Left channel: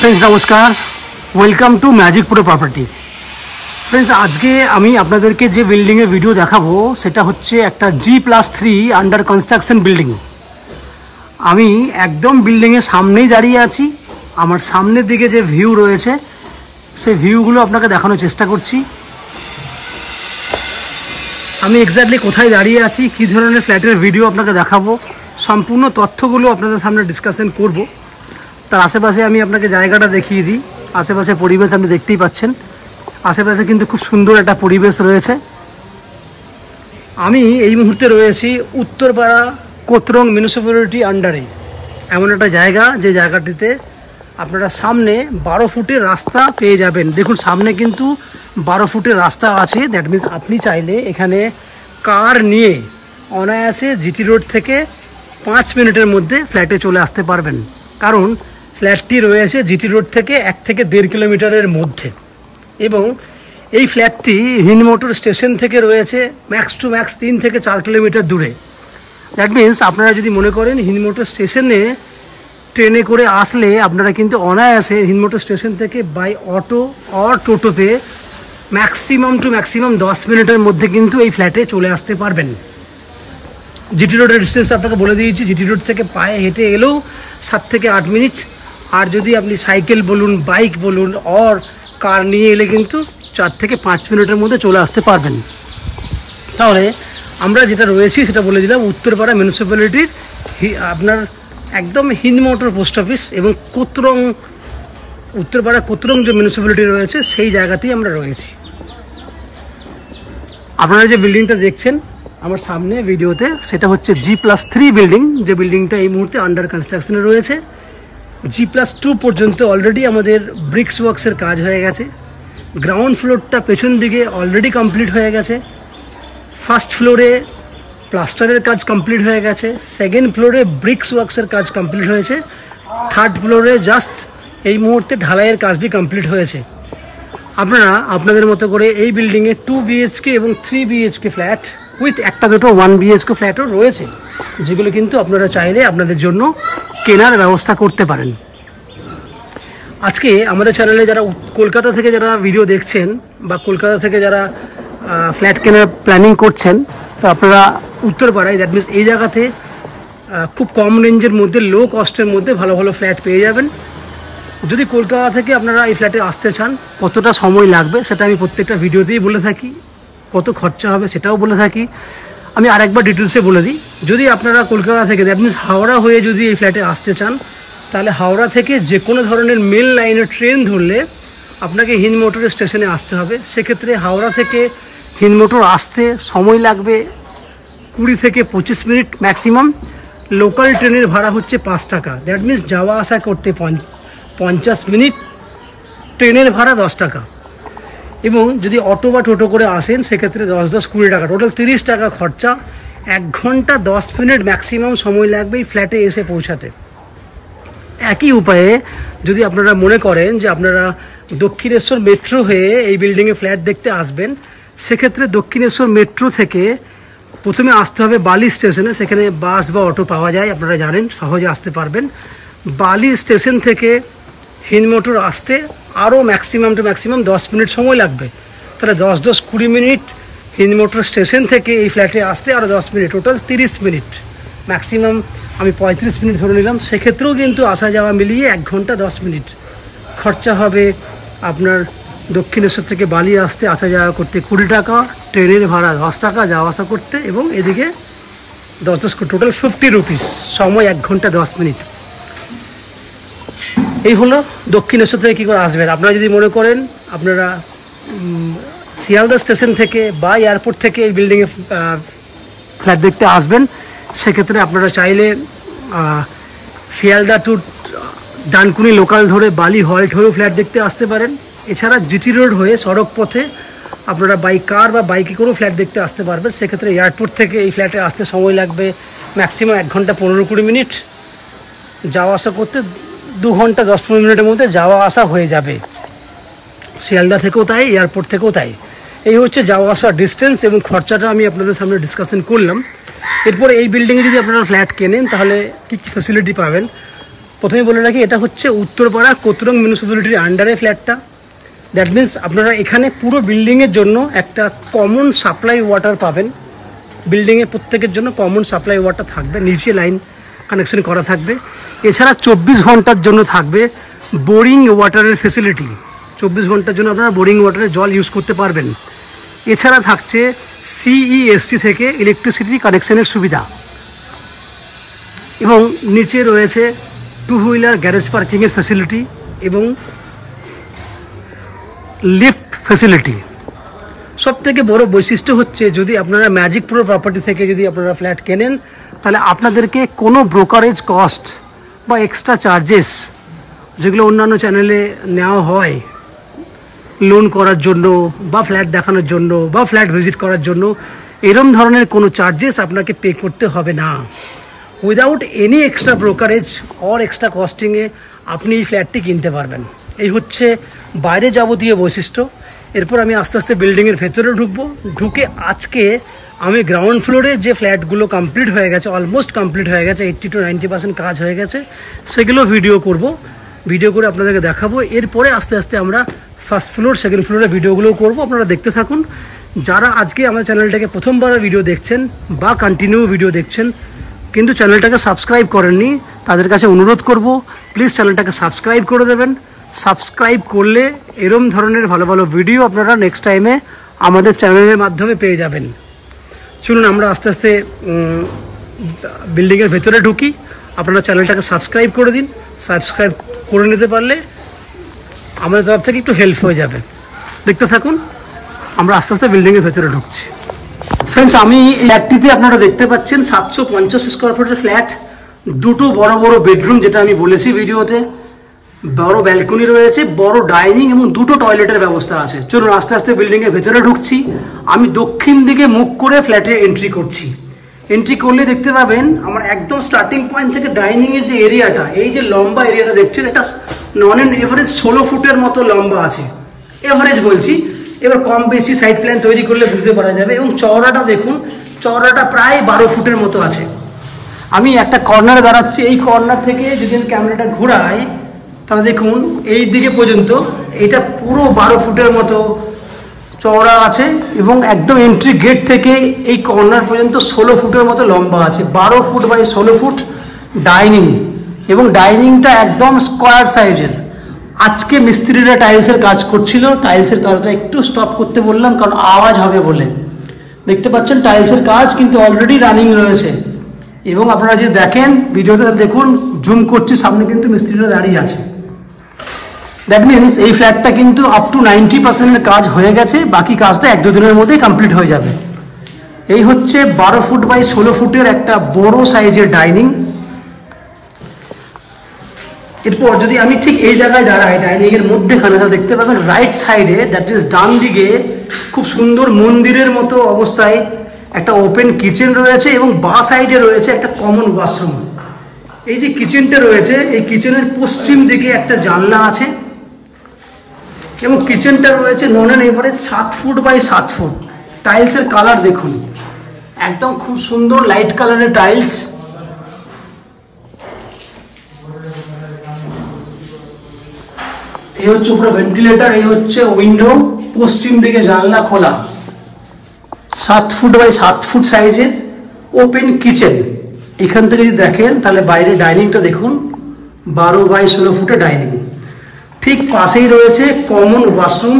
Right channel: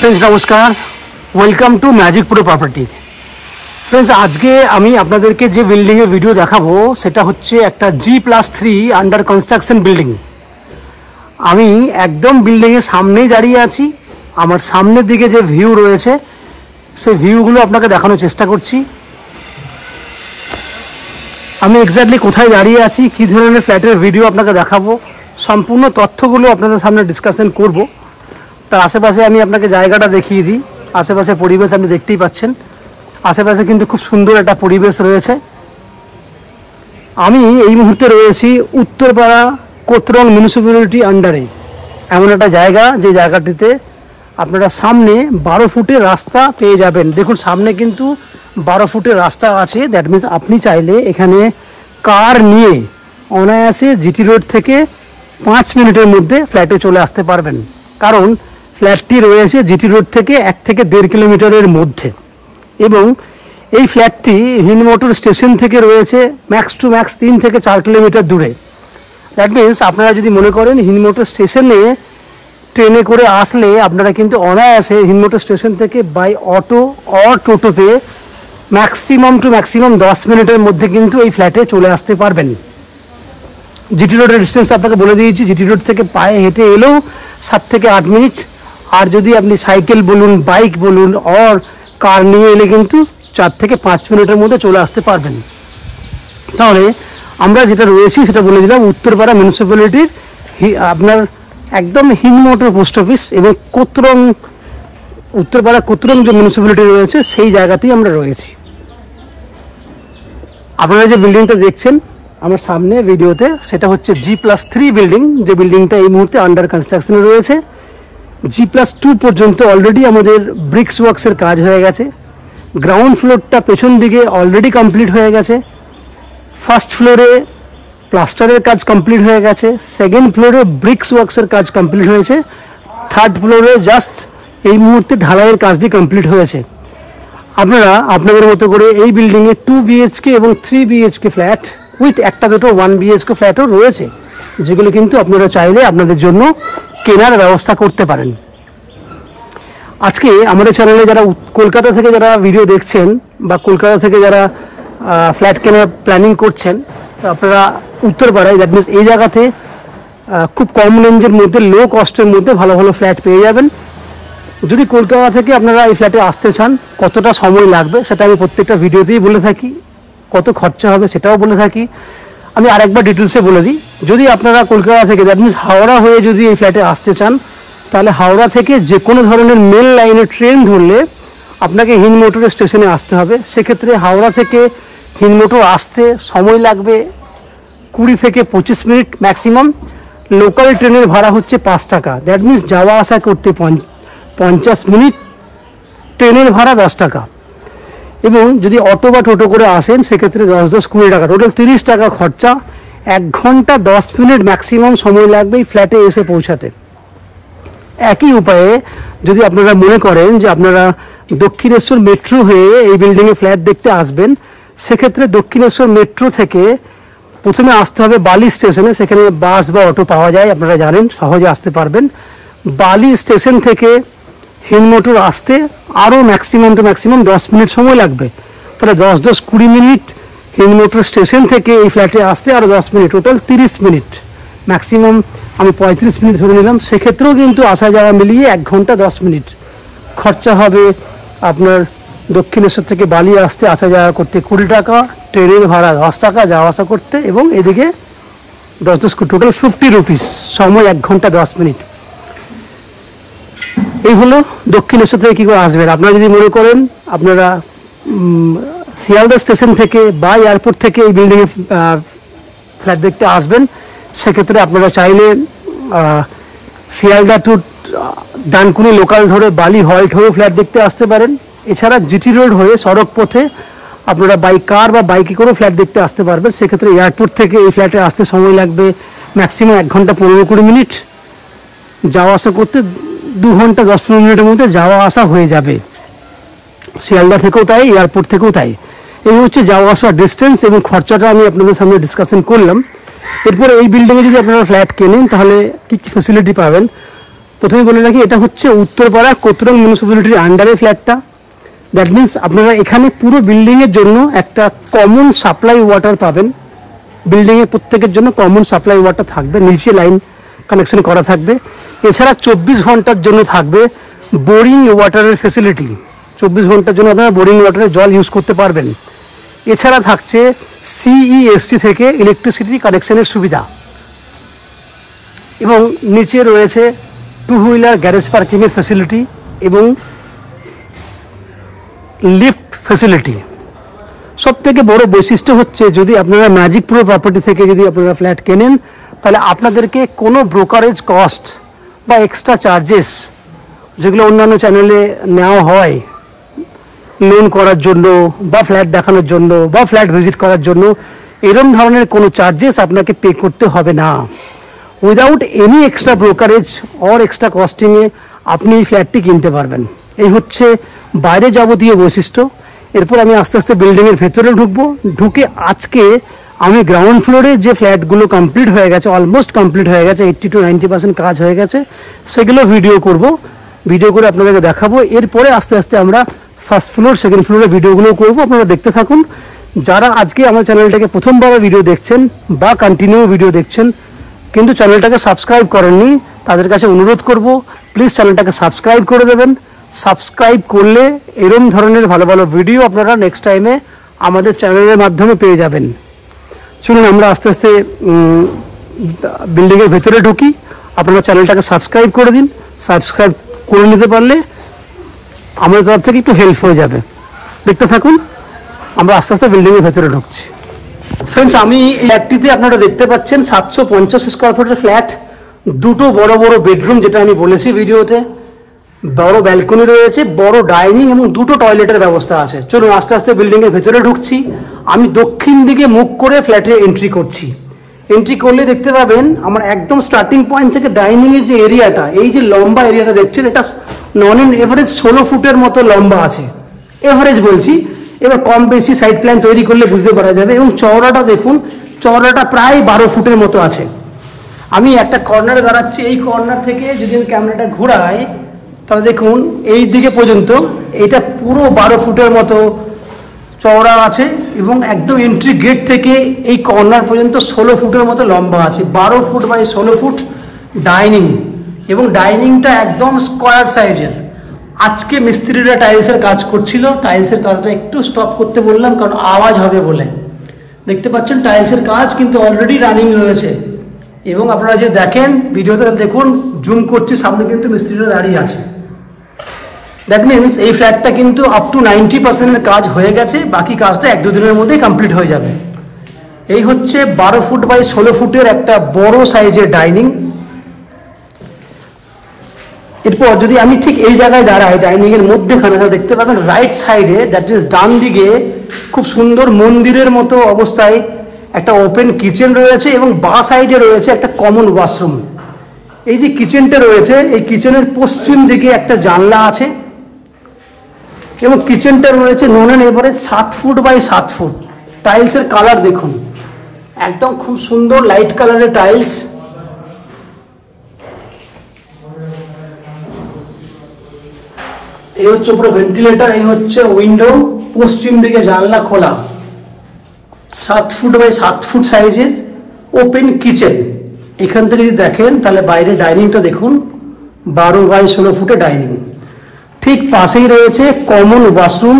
Friends नमस्कार, welcome to magic pro property. Friends आज के आमी आपनादेरके जे बिल्डिंग भिडियो देखाबो सेटा होच्छे एकटा G+3 अंडार कन्स्ट्राक्शन बिल्डिंग। आमी एकदम बिल्डिंगेर सामनेई दाड़िये आछि। आमार सामनेर दिके जे भिउ रयेछे सेई भिउगुलो आपनाके देखानोर चेष्टा करछि। आमी एक्साक्टली कोथाय दाड़िये आछि, कि धरनेर फ्लैटेर भिडियो आपनाके देखाबो, सम्पूर्ण तथ्यगुलो आपनादेर सामने डिसकाशन करब। तार आशेपाशे आमी आपनाके जायगाटा देखिए दी। आशेपाशे परिवेश आपनि देखतेई पाच्छेन। आशेपाशे किन्तु खूब सुंदर एक परिवेश रयेछे। आमी एई मुहूर्ते रयेछि उत्तरपाड़ा कोतरंग म्यूनिसिप्यालिटी आंडारे एमन एक जायगा जे जायगाटिते आपनारा सामने 12 फुटेर रास्ता पेये जाबेन। देखुन सामने किन्तु 12 फुटेर रास्ता आछे। दैट मीन्स आपनि चाइले एखाने कार निये अनायासे जीटी रोड थेके 5 मिनिटेर मध्ये फ्लैटे चले आसते पारबेन। कारण फ्लैटटी रयेछे जीटी रोड थेके 1 থেকে 1.5 किलोमीटारेर मध्ये एबं এই ফ্ল্যাটটি হিনমোটর স্টেশন থেকে রয়েছে ম্যাক্স টু ম্যাক্স 3 থেকে 4 কিলোমিটার দূরে। দ্যাট মিন্স আপনারা যদি মনে করেন হিনমোটর স্টেশনে ট্রেনে করে আসলে আপনারা কিন্তু অনায়াসে হিনমোটর স্টেশন থেকে বাই অটো অর টোটোতে ম্যাক্সিমাম টু ম্যাক্সিমাম 10 মিনিটের মধ্যে কিন্তু এই ফ্ল্যাটে চলে আসতে পারবেন। জিটি রোডের ডিস্টেন্স আপনাকে বলে দিয়েছি। জিটি রোড থেকে পায়ে হেঁটে এলেও 7 থেকে 8 মিনিট, আর যদি আপনি সাইকেল বলুন, বাইক বলুন অর কার নিয়ে এলে কিন্তু 4 থেকে 5 মিনিটের মধ্যে চলে আসতে পারবেন। তাহলে আমরা যেটা রয়েছি সেটা বলে দিলাম উত্তরপাড়া মিউনিসিপ্যালিটির আপনার একদম হিনমোটর পোস্ট অফিস এবং কোতরং উত্তরপাড়া কোতরং যে মিউনিসিপ্যালিটি রয়েছে সেই জায়গাতেই আমরা রয়েছি। আপনারা যে বিল্ডিংটা দেখছেন আমার সামনে ভিডিওতে সেটা হচ্ছে G+3 বিল্ডিং, যে বিল্ডিংটা এই মুহূর্তে আন্ডার কনস্ট্রাকশনে রয়েছে। G+2 পর্যন্ত অলরেডি আমাদের ব্রিক্স ওয়ার্কসের কাজ হয়ে গেছে। গ্রাউন্ড ফ্লোরটা পেছন দিকে অলরেডি কমপ্লিট হয়ে গেছে। ফার্স্ট ফ্লোরে প্লাস্টারের কাজ কমপ্লিট হয়ে গেছে। সেকেন্ড ফ্লোরে ব্রিক্স ওয়ার্কসের কাজ কমপ্লিট হয়েছে। থার্ড ফ্লোরে জাস্ট এই মুহূর্তে ঢালাইয়ের কাজটি কমপ্লিট হয়েছে। আপনারা আপনাদের মতো করে এই বিল্ডিংয়ে 2 BHK এবং 3 BHK ফ্ল্যাট উইথ একটা দুটো 1 BHK ফ্ল্যাটও রয়েছে, যেগুলো কিন্তু আপনারা চাইলে আপনাদের জন্য কেনার ব্যবস্থা করতে পারেন। আজকে আমাদের চ্যানেলে যারা কলকাতা থেকে যারা ভিডিও দেখছেন বা কলকাতা থেকে যারা ফ্ল্যাট কেনার প্ল্যানিং করছেন, তো আপনারা উত্তরপাড়ায় দ্যাট মিনস এই জায়গাতে খুব কম রেঞ্জের মধ্যে লো কস্টের মধ্যে ভালো ভালো ফ্ল্যাট পেয়ে যাবেন। যদি কলকাতা থেকে আপনারা এই ফ্ল্যাটে আসতে চান, কতটা সময় লাগবে সেটা আমি প্রত্যেকটা ভিডিওতেই বলে থাকি, কত খরচা হবে সেটাও বলে থাকি। আমি আরেকবার ডিটেলসে বলে দিই, যদি আপনারা কলকাতা থেকে দ্যাট মিনস হাওড়া হয়ে যদি এই ফ্ল্যাটে আসতে চান, তাহলে হাওড়া থেকে যে কোনো ধরনের মেল লাইনের ট্রেন ধরলে আপনাকে হিনমোটর স্টেশনে আসতে হবে। সেক্ষেত্রে হাওড়া থেকে হিনমোটর আসতে সময় লাগবে 20 থেকে 25 মিনিট ম্যাক্সিমাম। লোকাল ট্রেনের ভাড়া হচ্ছে 5 টাকা। দ্যাট মিনস যাওয়া আসা করতে 50 মিনিট, ট্রেনের ভাড়া 10 টাকা। এবং যদি অটো বা টোটো করে আসেন সেক্ষেত্রে 10-20 টাকা, টোটাল 30 টাকা খরচা। 1 ঘন্টা 10 মিনিট ম্যাক্সিমাম সময় লাগবে এই ফ্ল্যাটে এসে পৌঁছাতে। একই উপায়ে যদি আপনারা মনে করেন যে আপনারা দক্ষিণেশ্বর মেট্রো হয়ে এই বিল্ডিংয়ে ফ্ল্যাট দেখতে আসবেন, সেক্ষেত্রে দক্ষিণেশ্বর মেট্রো থেকে প্রথমে আসতে হবে বালি স্টেশনে। সেখানে বাস বা অটো পাওয়া যায়, আপনারা জানেন, সহজে আসতে পারবেন। বালি স্টেশন থেকে হিনমোটর আসতে আরও ম্যাক্সিমাম টু ম্যাক্সিমাম 10 মিনিট সময় লাগবে। তাহলে 10-20 মিনিট হিনমোটর স্টেশন থেকে এই ফ্ল্যাটে আসতে আরও 10 মিনিট, টোটাল 30 মিনিট ম্যাক্সিমাম। আমি 35 মিনিট ধরে নিলাম। সেক্ষেত্রেও কিন্তু আসা যাওয়া মিলিয়ে 1 ঘন্টা 10 মিনিট খরচা হবে আপনার। দক্ষিণেশ্বর থেকে বালি আসতে আসা যাওয়া করতে 20 টাকা, ট্রেনের ভাড়া 10 টাকা যাওয়া আসা করতে, এবং এদিকে 10 টোটাল 50 রুপিস, সময় 1 ঘন্টা 10 মিনিট। এই হলো দক্ষিণেশ্বর থেকে কী করে আসবেন। আপনারা যদি মনে করেন আপনারা শিয়ালদা স্টেশন থেকে বা এয়ারপোর্ট থেকে এই বিল্ডিংয়ে ফ্ল্যাট দেখতে আসবেন, সেক্ষেত্রে আপনারা চাইলে শিয়ালদা টু ডানকুনি লোকাল ধরে বালি হল্ট হয়ে ফ্ল্যাট দেখতে আসতে পারেন। এছাড়া জিটি রোড হয়ে সড়ক পথে আপনারা বাই কার বা বাইকে করেও ফ্ল্যাট দেখতে আসতে পারবেন। সেক্ষেত্রে এয়ারপোর্ট থেকে এই ফ্ল্যাটে আসতে সময় লাগবে ম্যাক্সিমাম 1 ঘন্টা 15-20 মিনিট। যাওয়া আসা করতে 2 ঘন্টা 10-15 মিনিটের মধ্যে যাওয়া আসা হয়ে যাবে। শিয়ালদা থেকেও তাই, এয়ারপোর্ট থেকেও তাই। এই হচ্ছে যাওয়া আসার ডিস্টেন্স এবং খরচাটা আমি আপনাদের সামনে ডিসকাশন করলাম। এরপরে এই বিল্ডিংয়ে যদি আপনারা ফ্ল্যাট কেনেন তাহলে কী কী ফ্যাসিলিটি পাবেন। প্রথমে বলে রাখি, এটা হচ্ছে উত্তরপাড়া কোতরং মিউনিসিপ্যালিটির আন্ডারে ফ্ল্যাটটা। দ্যাট মিনস আপনারা এখানে পুরো বিল্ডিংয়ের জন্য একটা কমন সাপ্লাই ওয়াটার পাবেন। বিল্ডিংয়ের প্রত্যেকের জন্য কমন সাপ্লাই ওয়াটার থাকবে, নিচে লাইন কানেকশন করা থাকবে। এছাড়া 24 ঘন্টার জন্য থাকবে বোরিং ওয়াটারের ফেসিলিটি। 24 ঘন্টার জন্য আপনারা বোরিং ওয়াটারের জল ইউজ করতে পারবেন। এছাড়া থাকছে CESC থেকে ইলেকট্রিসিটি কানেকশনের সুবিধা, এবং নিচে রয়েছে 2 হুইলার গ্যারেজ পার্কিংয়ের ফেসিলিটি এবং লিফট ফেসিলিটি। সবথেকে বড় বৈশিষ্ট্য হচ্ছে, যদি আপনারা ম্যাজিক প্রো প্রপার্টি থেকে যদি আপনারা ফ্ল্যাট কেনেন, তাহলে আপনাদেরকে কোনো ব্রোকারেজ কস্ট বা এক্সট্রা চার্জেস, যেগুলো অন্যান্য চ্যানেলে নেওয়া হয় লোন করার জন্য বা ফ্ল্যাট দেখানোর জন্য বা ফ্ল্যাট ভিজিট করার জন্য, এরম ধরনের কোনো চার্জেস আপনাকে পে করতে হবে না। Without any extra brokerage or extra কস্টিংয়ে আপনি ফ্ল্যাটটি কিনতে পারবেন। এই হচ্ছে বাইরে যাবতীয় বৈশিষ্ট্য। এরপর আমি আস্তে আস্তে বিল্ডিংয়ের ভেতরে ঢুকে আজকে আমি গ্রাউন্ড ফ্লোরে যে ফ্ল্যাটগুলো কমপ্লিট হয়ে গেছে, অলমোস্ট কমপ্লিট হয়ে গেছে, 80 to 90% কাজ হয়ে গেছে, সেগুলো ভিডিও করে আপনাদেরকে দেখাবো। এরপরে আস্তে আস্তে আমরা ফার্স্ট ফ্লোর, সেকেন্ড ফ্লোরে ভিডিওগুলো করবো। আপনারা দেখতে থাকুন। যারা আজকে আমার চ্যানেলটাকে প্রথমবার ভিডিও দেখছেন বা কন্টিনিউ ভিডিও দেখছেন কিন্তু চ্যানেলটাকে সাবস্ক্রাইব করেননি, তাদের কাছে অনুরোধ করব, প্লিজ চ্যানেলটাকে সাবস্ক্রাইব করে দেবেন। সাবস্ক্রাইব করলে এরম ধরনের ভালো ভালো ভিডিও আপনারা নেক্সট টাইমে আমাদের চ্যানেলের মাধ্যমে পেয়ে যাবেন। শুনুন, আমরা আস্তে আস্তে বিল্ডিংয়ের ভেতরে ঢুকি। আপনারা চ্যানেলটাকে সাবস্ক্রাইব করে দিন। সাবস্ক্রাইব করে নিতে পারলে আমাদের তরফ থেকে একটু হেল্প হয়ে যাবে। দেখতে থাকুন, আমরা আস্তে আস্তে বিল্ডিংয়ের ভেতরে ঢুকছি। ফ্রেন্ডস, আমি এই ফ্ল্যাটটিতে আপনারা দেখতে পাচ্ছেন 750 স্কোয়ার ফুটের ফ্ল্যাট, দুটো বড় বড় বেডরুম, যেটা আমি বলেছি ভিডিওতে, বড় ব্যালকনি রয়েছে, বড় ডাইনিং এবং দুটো টয়লেটের ব্যবস্থা আছে। চলুন আস্তে আস্তে বিল্ডিংয়ের ভেতরে ঢুকছি। আমি দক্ষিণ দিকে মুখ করে ফ্ল্যাটে এন্ট্রি করছি। এন্ট্রি করলে দেখতে পাবেন আমার একদম স্টার্টিং পয়েন্ট থেকে ডাইনিং এর যে এরিয়াটা, এই যে লম্বা এরিয়াটা দেখছেন, এটা নন অ্যান্ড এভারেজ 16 ফুটের মতো লম্বা আছে। এভারেজ বলছি, এবার কম বেশি সাইড প্ল্যান তৈরি করলে বুঝতে পারা যাবে। এবং চওড়াটা দেখুন, চওড়াটা প্রায় 12 ফুটের মতো আছে। আমি একটা কর্নারে দাঁড়াচ্ছি, এই কর্নার থেকে যদি আমি ক্যামেরাটা ঘোরাই তাহলে দেখুন এই দিকে পর্যন্ত এটা পুরো 12 ফুটের মতো চওড়া আছে, এবং একদম এন্ট্রি গেট থেকে এই কর্নার পর্যন্ত 16 ফুটের মতো লম্বা আছে। 12 ফুট বাই 16 ফুট ডাইনিং, এবং ডাইনিংটা একদম স্কোয়ার সাইজের। আজকে মিস্ত্রিরা টাইলসের কাজ করছিল, টাইলসের কাজটা একটু স্টপ করতে বললাম কারণ আওয়াজ হবে বলে। দেখতে পাচ্ছেন টাইলসের কাজ কিন্তু অলরেডি রানিং রয়েছে, এবং আপনারা যে দেখেন ভিডিওতে দেখুন, জুম করছি, সামনে কিন্তু মিস্ত্রিরা দাঁড়িয়ে আছে। দ্যাট মিনস এই ফ্ল্যাটটা কিন্তু আপ টু 90% কাজ হয়ে গেছে, বাকি কাজটা 1-2 দিনের মধ্যেই কমপ্লিট হয়ে যাবে। এই হচ্ছে 12 ফুট বাই 16 ফুটের একটা বড় সাইজের ডাইনিং। এরপর যদি আমি ঠিক এই জায়গায় দাঁড়াই, ডাইনিং এর মধ্যেখানে, তাহলে দেখতে পাবেন রাইট সাইডে, দ্যাট ইজ ডান দিকে, খুব সুন্দর মন্দিরের মতো অবস্থায় একটা ওপেন কিচেন রয়েছে, এবং বাঁ সাইডে রয়েছে একটা কমন ওয়াশরুম। এই যে কিচেনটা রয়েছে, এই কিচেনের পশ্চিম দিকে একটা জানলা আছে, এবং কিচেনটা রয়েছে নন and average 7 foot by 7 foot. টাইলসের কালার দেখুন, একদম খুব সুন্দর লাইট কালারের টাইলস। এই হচ্ছে পুরো ভেন্টিলেটর, এই হচ্ছে উইন্ডো, পশ্চিম দিকে জানলা খোলা, 7 ফুট বাই 7 ফুট সাইজের ওপেন কিচেন। এখান থেকে যদি দেখেন তাহলে বাইরে ডাইনিংটা দেখুন, 12 বাই 16 ফুটে ডাইনিং। ঠিক পাশেই রয়েছে কমন ওয়াশরুম।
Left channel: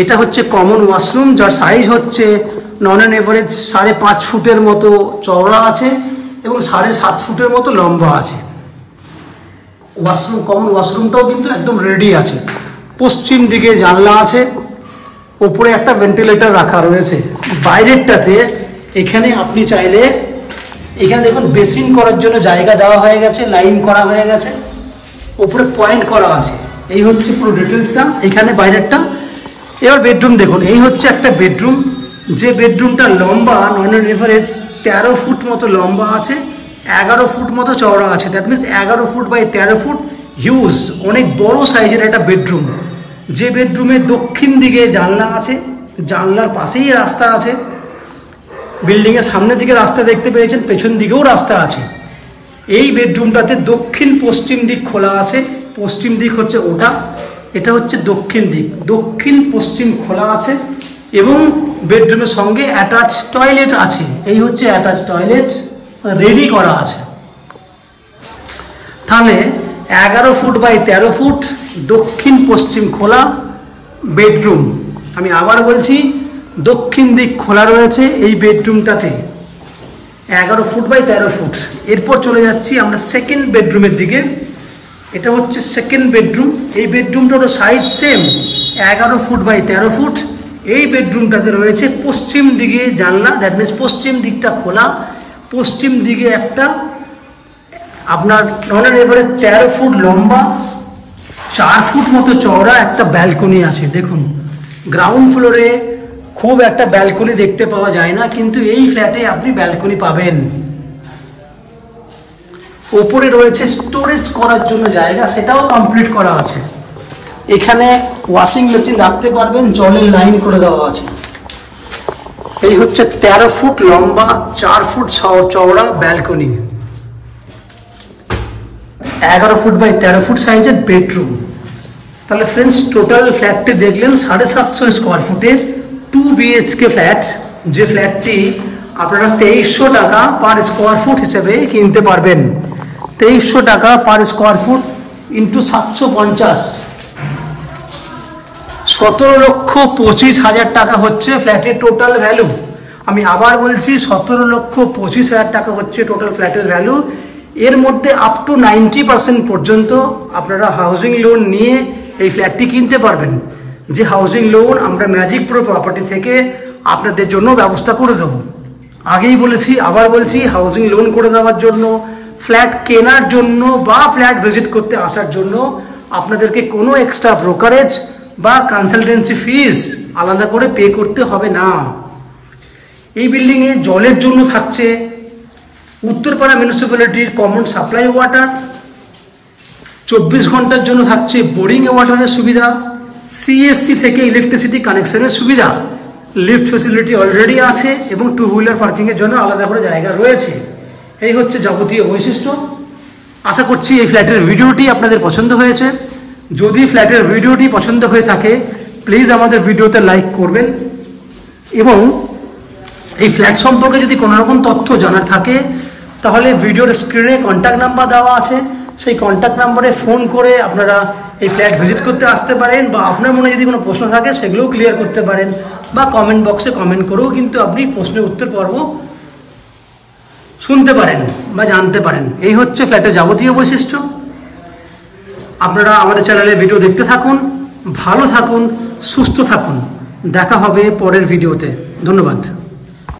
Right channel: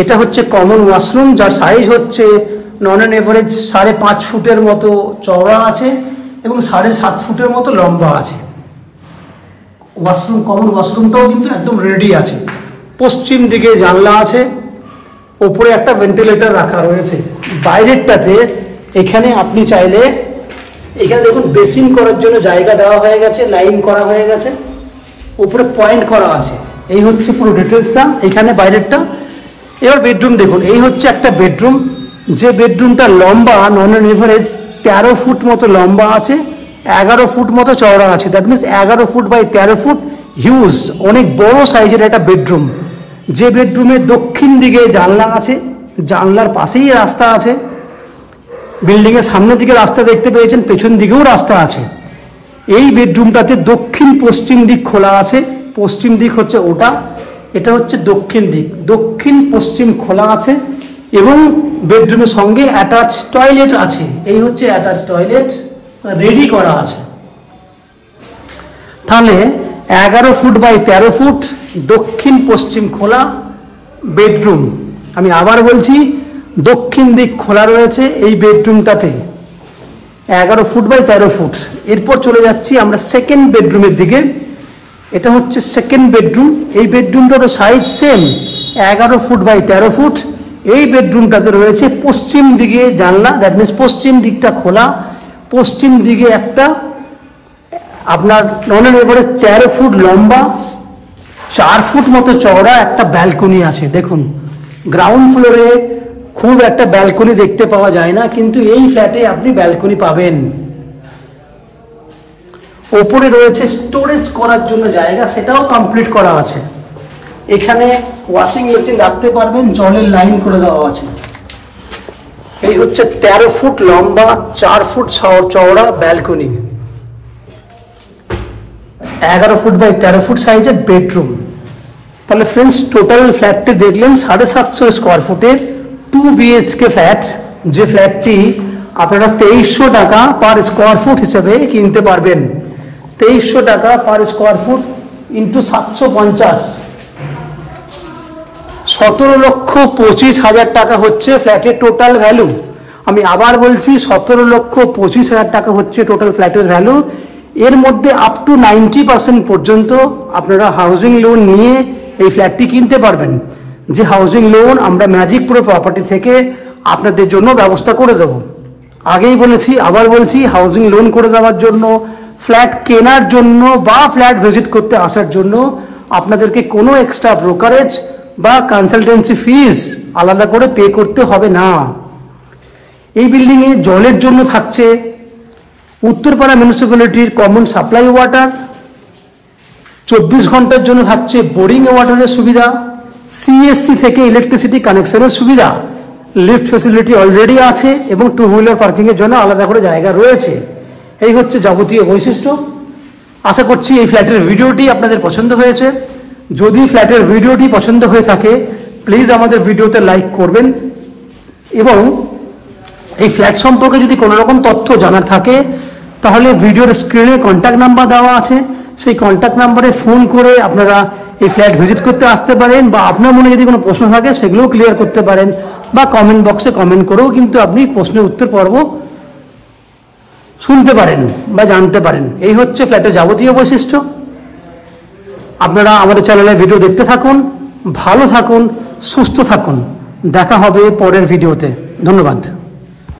এটা হচ্ছে কমন ওয়াশরুম, যার সাইজ হচ্ছে নন অ্যান্ড এভারেজ 5.5 ফুটের মতো চওড়া আছে, এবং 7.5 ফুটের মতো লম্বা আছে। ওয়াশরুম, কমন ওয়াশরুমটাও কিন্তু একদম রেডি আছে। পশ্চিম দিকে জানলা আছে, ওপরে একটা ভেন্টিলেটর রাখা রয়েছে। বাইরেরটাতে এখানে আপনি চাইলে, এখানে দেখুন বেসিন করার জন্য জায়গা দেওয়া হয়ে গেছে, লাইন করা হয়ে গেছে, ওপরে পয়েন্ট করা আছে। এই হচ্ছে পুরো ডিটেলসটা এখানে বাইরেরটা। এবার বেডরুম দেখুন, এই হচ্ছে একটা বেডরুম, যে বেডরুমটা লম্বা নন অ্যান্ড এভারেজ 13 ফুট মতো লম্বা আছে, 11 ফুট মতো চওড়া আছে। That means 11 foot by 13 foot, huge, অনেক বড় সাইজের একটা বেডরুম। যে বেডরুমের দক্ষিণ দিকে জানলা আছে, জানলার পাশেই রাস্তা আছে। বিল্ডিং এর সামনের দিকে রাস্তা দেখতে পেয়েছেন, পেছন দিকেও রাস্তা আছে। এই বেডরুমটাতে দক্ষিণ পশ্চিম দিক খোলা আছে, পশ্চিম দিক হচ্ছে ওটা, এটা হচ্ছে দক্ষিণ দিক, দক্ষিণ পশ্চিম খোলা আছে এবং বেডরুমের সঙ্গে অ্যাটাচ টয়লেট আছে। এই হচ্ছে অ্যাটাচ টয়লেট রেডি করা আছে। তাহলে 11 ফুট বাই 13 ফুট দক্ষিণ পশ্চিম খোলা বেডরুম। আমি আবার বলছি, দক্ষিণ দিক খোলা রয়েছে এই বেডরুমটাতে, 11 ফুট বাই 13 ফুট। এরপর চলে যাচ্ছি আমরা সেকেন্ড বেডরুমের দিকে। এটা হচ্ছে সেকেন্ড বেডরুম। এই বেডরুমটার size same, 11 foot by 13 foot. এই বেডরুমটাতে রয়েছে পশ্চিম দিকে জানলা, দ্যাট মিনস পশ্চিম দিকটা খোলা, পশ্চিম দিকে একটা আপনার নন এবারে 13 ফুট লম্বা, 4 ফুট মতো চওড়া একটা ব্যালকনি আছে। দেখুন, গ্রাউন্ড ফ্লোরে খুব একটা ব্যালকনি দেখতে পাওয়া যায় না, কিন্তু এই ফ্ল্যাটে আপনি ব্যালকনি পাবেন। ওপরে রয়েছে স্টোরেজ করার জন্য জায়গা, সেটাও কমপ্লিট করা আছে। এখানে ওয়াশিং মেশিন রাখতে পারবেন, জলের লাইন করে দেওয়া আছে। এই হচ্ছে 13 ফুট লম্বা, 4 ফুট চওড়া ব্যালকনি, 11 ফুট বাই 13 ফুট সাইজের বেডরুম। তাহলে ফ্রেন্ডস, টোটাল ফ্ল্যাটটি দেখলেন 750 স্কোয়ার ফুটের 2 BHK ফ্ল্যাট, যে ফ্ল্যাটটি আপনারা 2300 টাকা পার স্কোয়ার ফুট হিসেবে কিনতে পারবেন। 2300 টাকা পার স্কোয়ার ফুট ইন্টু 750, 17,25,000 টাকা হচ্ছে ফ্ল্যাটের টোটাল ভ্যালু। আমি আবার বলছি, 17,25,000 টাকা হচ্ছে টোটাল ফ্ল্যাটের ভ্যালু। এর মধ্যে আপ টু 90% পর্যন্ত আপনারা হাউজিং লোন নিয়ে এই ফ্ল্যাটটি কিনতে পারবেন, যে হাউজিং লোন আমরা ম্যাজিক প্রো প্রপার্টি থেকে আপনাদের জন্য ব্যবস্থা করে দেব। আগেই বলেছি, আবার বলছি, হাউজিং লোন করে দেওয়ার জন্য, ফ্ল্যাট কেনার জন্য বা ফ্ল্যাট ভিজিট করতে আসার জন্য আপনাদেরকে কোনো এক্সট্রা ব্রোকারেজ বা কনসালটেন্সি ফিস আলাদা করে পে করতে হবে না। এই বিল্ডিংয়ে জলের জন্য থাকছে উত্তরপাড়া মিউনিসিপ্যালিটির কমন সাপ্লাই ওয়াটার, 24 ঘন্টার জন্য থাকছে বোরিং ওয়াটারের সুবিধা, CSC থেকে ইলেকট্রিসিটি কানেকশনের সুবিধা, লিফট ফ্যাসিলিটি অলরেডি আছে এবং 2 হুইলার পার্কিংয়ের জন্য আলাদা করে জায়গা রয়েছে। এই হচ্ছে যাবতীয় বৈশিষ্ট্য। আশা করছি এই ফ্ল্যাটের ভিডিওটি আপনাদের পছন্দ হয়েছে। যদি ফ্ল্যাটের ভিডিওটি পছন্দ হয়ে থাকে, প্লিজ আমাদের ভিডিওতে লাইক করবেন এবং এই ফ্ল্যাট সম্পর্কে যদি কোনো রকম তথ্য জানার থাকে তাহলে ভিডিওর স্ক্রিনে কন্ট্যাক্ট নাম্বার দেওয়া আছে, সেই কন্ট্যাক্ট নাম্বারে ফোন করে আপনারা এই ফ্ল্যাট ভিজিট করতে আসতে পারেন, বা আপনার মনে যদি কোনো প্রশ্ন থাকে সেগুলোও ক্লিয়ার করতে পারেন, বা কমেন্ট বক্সে কমেন্ট করেও কিন্তু আপনি প্রশ্নের উত্তর পর্ব শুনতে পারেন বা জানতে পারেন। এই হচ্ছে ফ্ল্যাটের যাবতীয় বৈশিষ্ট্য। আপনারা আমাদের চ্যানেলে ভিডিও দেখতে থাকুন, ভালো থাকুন, সুস্থ থাকুন। দেখা হবে পরের ভিডিওতে। ধন্যবাদ।